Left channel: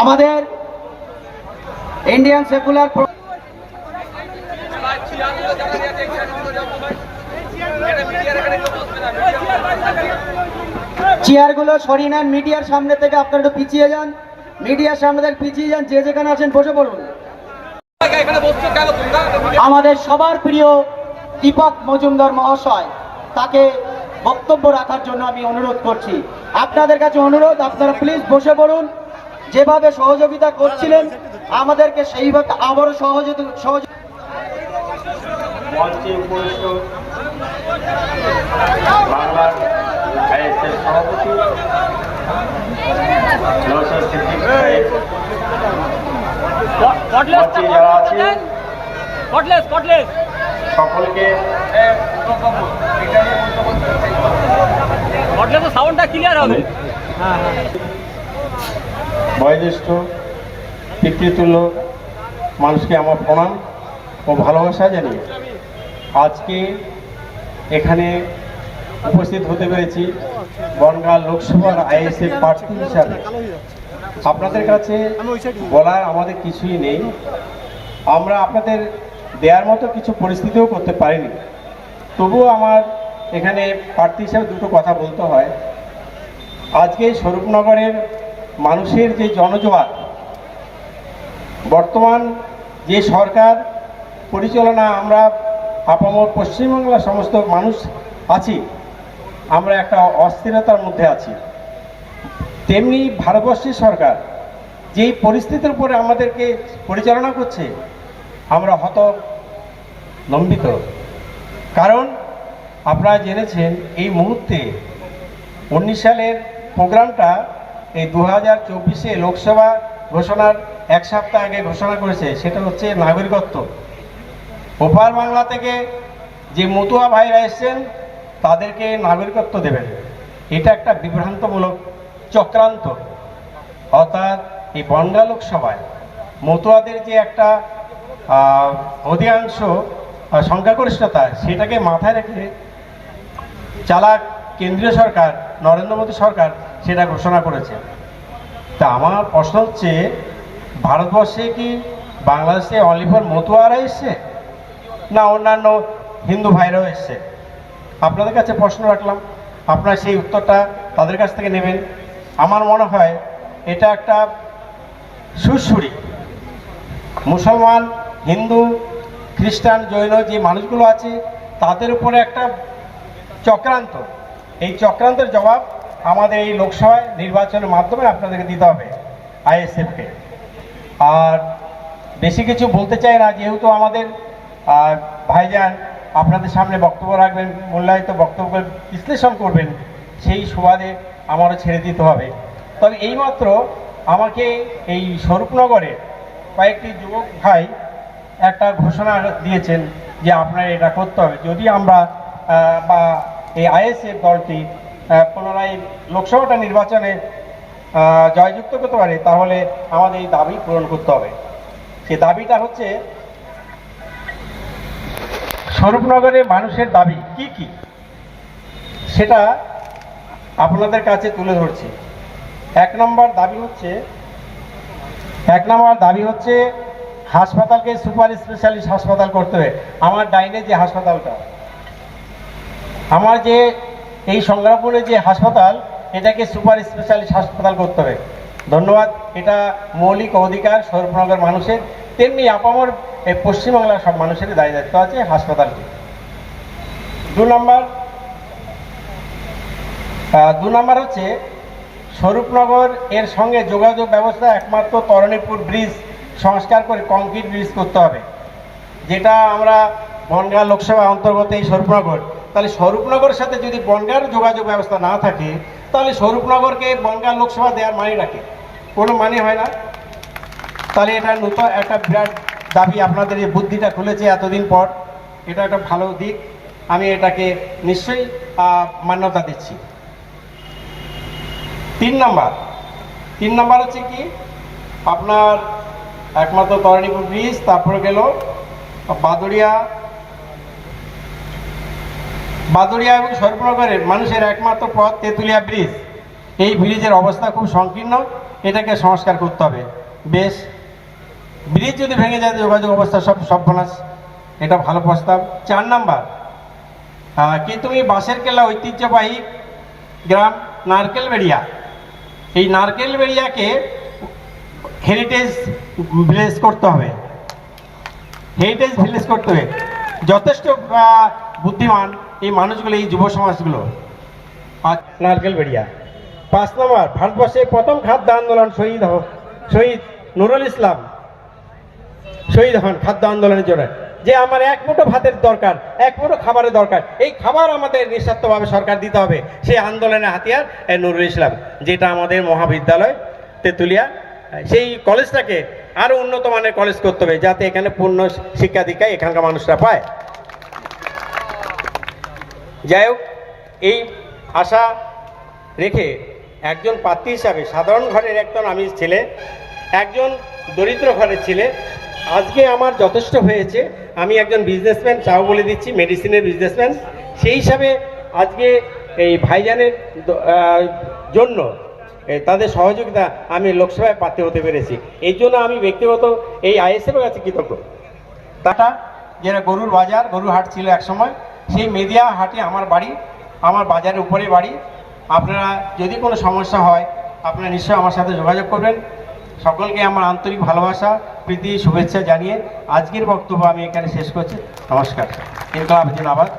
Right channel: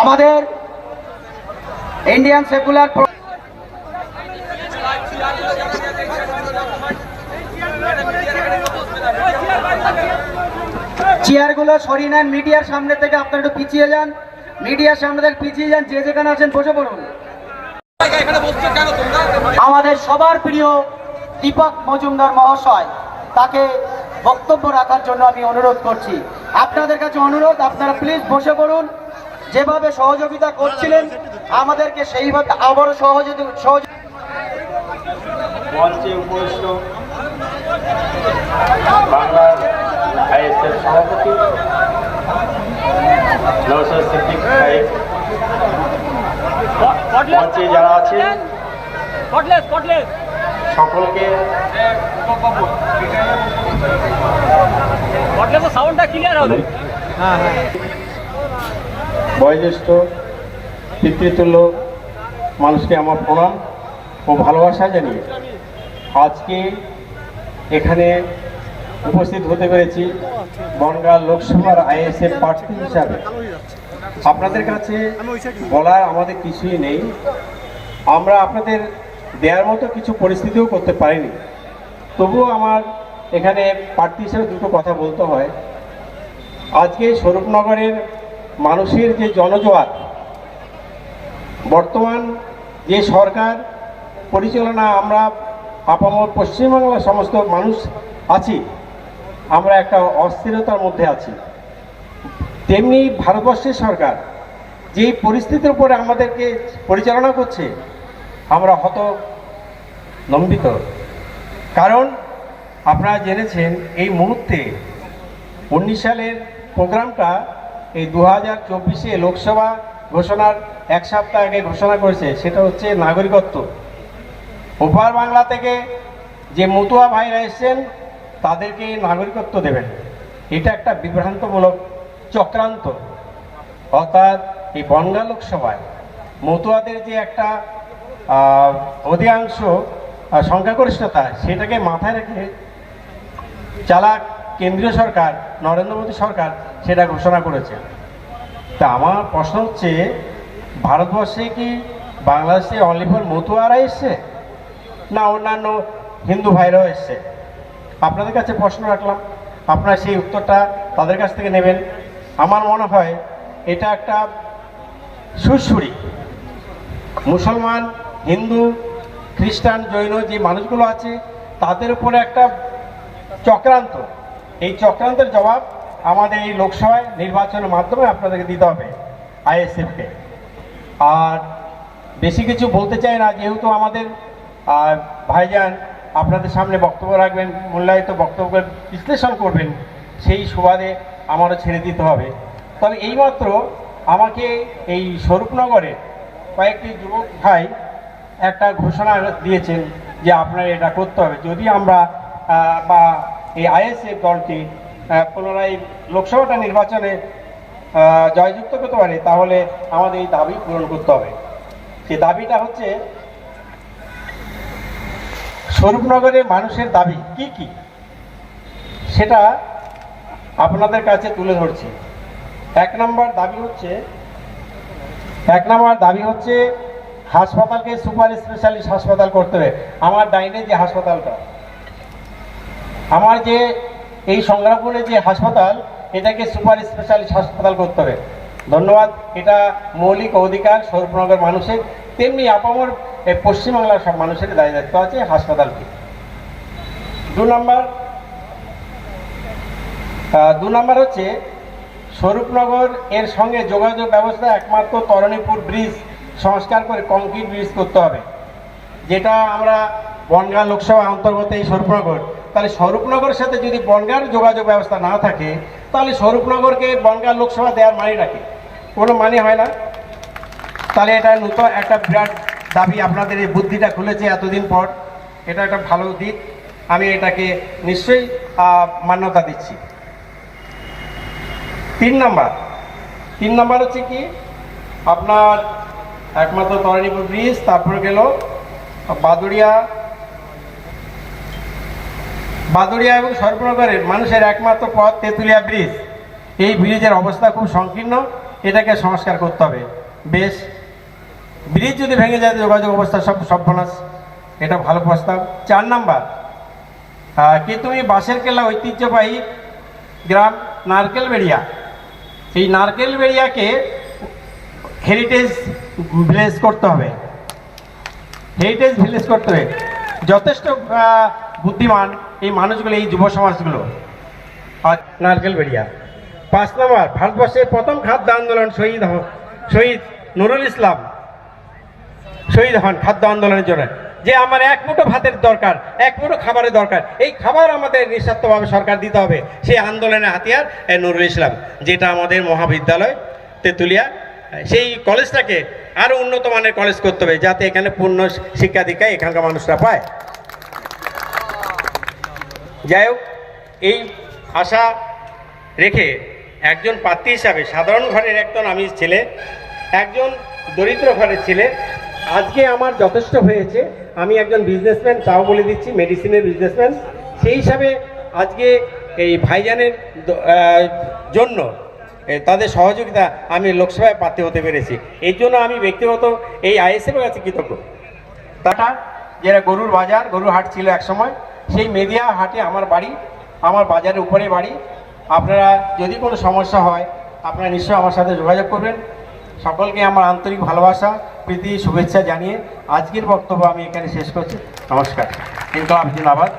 আমাদের Indian secular চেয়ারগুলো সরিয়ে নেন, মিডিয়ার সামনে থেকে আপনারা একটু পিছিয়ে যান, মিডিয়ার সামনে থেকে পিছিয়ে যান, যে যেখানে আছেন বসে পড়ুন। আমাদের সবার প্রিয় দীপক মজুমদার মহাশয়, তাকে বক্তব্য রাখার জন্য আমি অনুরোধ করছি। আপনাদের কাছে অনুরোধ, আপনারা প্লিজ বসে পড়ুন। যেভাবে সহযোগিতা করছিলেন আমাদেরকে সেইভাবে আবারও মঞ্চে উপস্থিত বাংলার আইএসএফ সভাপতি নওশাদ সিদ্দিক সাহেব, মঞ্চে যারা আছেন সকলকে বয়োজ্যেষ্ঠ পিতৃতুল্য মানুষকে আমার প্রণাম ও ভালোবাসা জানিয়ে আজকে এখানে উপস্থিত হতে পেরেছি বনগাঁ লোকসভার আইএসএফ প্রার্থী হিসাবে। আপনাদের কাছে বলা আমাদের কিছুই নেই, আমরা আপনাদের দেওয়ার মতো কিছু পরিস্থিতিও করতে পারিনি। তবুও আমার এখানে প্রার্থী হিসাবে দুটো কথা বলতে হয়। আজকে স্বরূপনগরের মানুষের যে জনজোয়ার, বর্তমান যে সরকার পরিচালনা, আমরা আপামর পশ্চিমবাংলার সমস্ত মানুষ আছি, আমরা একটা অস্থিরতার মধ্যে আছি। তেমনি ভারতবর্ষের সরকার যেই পরিস্থিতির উপরে আমাদেরকে পরিচালনা করছে, আমরা হতলম্বিত। কারণ আপনারা জেনেছেন এই মুহূর্তে 19 সালের প্রোগ্রামটা এই 2024-এ লোকসভা ঘোষণার এক সপ্তাহ আগে ঘোষণা করেছে, সেটা হচ্ছে নাগরিকত্ব। ওপার বাংলা থেকে যে মতুয়া ভাইরা এসছেন তাদেরকে নাগরিকত্ব দেবেন, এটা একটা বিভ্রান্তমূলক চক্রান্ত। অর্থাৎ এই বনগাঁ লোকসভায় মতুয়াদের যে একটা অধিকাংশ সংখ্যাগরিষ্ঠতা, সেটাকে মাথায় রেখে চালাক কেন্দ্রীয় সরকার, নরেন্দ্র মোদী সরকার সেটা ঘোষণা করেছে। তা আমার প্রশ্ন হচ্ছে, ভারতবর্ষে কি বাংলাদেশে অনলি ফর মতুয়ারা এসছে না অন্যান্য হিন্দু ভাইরাও এসছে? আপনাদের কাছে প্রশ্ন রাখলাম, আপনারা সেই উত্তরটা তাদের কাছ থেকে নেবেন। আমার মনে হয় এটা একটা সুরসুরি মুসলমান, হিন্দু, খ্রিস্টান, জৈন যে মানুষগুলো আছে তাদের উপরে একটা চক্রান্ত। এই চক্রান্তের জবাব আমাদের এই লোকসভায় নির্বাচনের মাধ্যমে আপনাদেরকে দিতে হবে আইএসএফকে। আর বেশি কিছু বলতে চাই না, যেহেতু আমাদের ভাইজান আপনাদের সামনে বক্তব্য রাখবেন, মূল্যায়িত বক্তব্য বিশ্লেষণ করবেন, সেই সুবাদে আমারও ছেড়ে দিতে হবে। তবে এইমাত্র আমাকে এই স্বরূপনগরের কয়েকটি যুবক ভাই একটা ঘোষণা দিয়েছেন যে আপনারা এটা করতে হবে। যদি আমরা বা এই আইএসএফ দলটি পুনরায় লোকসভাটা নির্বাচনে জয়যুক্ত করতে পারে, তাহলে আমাদের এই দাবি পূরণ করতে হবে। সে দাবিটা হচ্ছে, স্বরূপনগরের মানুষের দাবি কি কি সেটা আপনাদের কাছে তুলে ধরছি। এক নম্বর দাবি হচ্ছে হাসপাতালকে সুপার স্পেশালিস্ট হাসপাতাল করতে হবে। আমার ডাইনে যে হাসপাতালটা, আমার যে এই সংগ্রামপুরে যে হাসপাতাল, এটাকে সুপার স্পেশালিস্ট হাসপাতাল করতে হবে। ধন্যবাদ। এটা মৌলিক অধিকার স্বরূপনগর মানুষের, তেমনি আপামর পশ্চিমবাংলার সব মানুষের দায়িত্ব আছে হাসপাতালটি। দু নম্বর হচ্ছে স্বরূপনগর এর সঙ্গে যোগাযোগ ব্যবস্থা একমাত্র তরণীপুর ব্রিজ সংস্কার করে কংক্রিট ব্রিজ করতে হবে, যেটা আমরা বনগাঁ লোকসভা অন্তর্গত এই স্বরূপনগর। তাহলে স্বরূপনগরের সাথে যদি বনগাঁর যোগাযোগ ব্যবস্থা না থাকে, তাহলে স্বরূপনগরকে বনগাঁ লোকসভা দেওয়ার মানে রাখে কোনো মানে হয় না। তাহলে এটা নতুন একটা বিরাট দাবি, আপনাদের এই বুদ্ধিটা খুলেছে এতদিন পর, এটা একটা ভালো দিক, আমি এটাকে নিশ্চয়ই মান্যতা দিচ্ছি। 3 নম্বর হচ্ছে কি, আপনার একমাত্র তরণীপুর ব্রিজ, তারপরে গেল বাদুড়িয়া এবং স্বরূপনগরের মানুষের একমাত্র পথ তেঁতুলিয়া ব্রিজ। এই ব্রিজের অবস্থা খুব সংকীর্ণ, এটাকে সংস্কার করতে হবে। বেশ, ব্রিজ যদি ভেঙে যায় যোগাযোগ অবস্থা সব সর্বনাশ, এটা ভালো প্রস্তাব। 4 নাম্বার, কি তুমি বাঁশের কেল্লা ঐতিহ্যবাহী গ্রাম নারকেলবেড়িয়া, এই নারকেলবেড়িয়াকে হেরিটেজ ভিলেজ করতে হবে, হেরিটেজ ভিলেজ করতে হবে। যথেষ্ট বুদ্ধিমান এই মানুষগুলো, এই যুব সমাজগুলো। নারকেলবেড়িয়া। 5 নম্বর, ভারতবর্ষের প্রথম খাদ্য আন্দোলন শহীদ নুরুল ইসলাম শহীদ হন খাদ্য আন্দোলনের জন্য। যে আমার 1 মুঠো ভাতের দরকার, 1 মুঠো খাবারের দরকার, এই খাবার আমাদের নিঃস্বার্থভাবে সরকার দিতে হবে। সেই আন্দোলনের হাতিয়ার এই নুরুল ইসলাম, যেটা আমাদের মহাবিদ্যালয় তেঁতুলিয়া, সেই কলেজটাকে আরো উন্নত মানের কলেজ করতে হবে, যাতে এখানে পূর্ণ শিক্ষা দীক্ষা এখানকার মানুষরা পায়। যাই হোক, এই আশা রেখে একজন প্রার্থী হিসাবে সাধারণ ঘরের একজন আমি ছেলে, একজন দরিদ্র ঘরের ছেলে, আজকে আমার যথেষ্ট হয়েছে। আমি একজন বিজনেসম্যান, চাও বলে দিচ্ছি, মেডিসিনের বিজনেসম্যান। সেই হিসাবে আজকে এই ভাইজানের জন্য তাদের সহযোগিতা আমি লোকসভায় প্রার্থী হতে পেরেছি। এই জন্য আমি ব্যক্তিগত এই আইএসএফের কাছে কৃতজ্ঞ। টাটা, যেটা গরুর বাজার, গরুর হাট ছিল একসময়, সেই মেদিয়া হাটে আমার বাড়ি, আমার বাজারের উপরে বাড়ি। আপনারা যদি কোনো সমস্যা হয় আপনারা নিশ্চয়ই আমার সাথে যোগাযোগ করবেন। সকলকে আমার আন্তরিক ভালোবাসা, প্রীতি, শুভেচ্ছা জানিয়ে আজকের বক্তব্য আমি এখানে শেষ করছি। নমস্কার। ইনকলাব জিন্দাবাদ।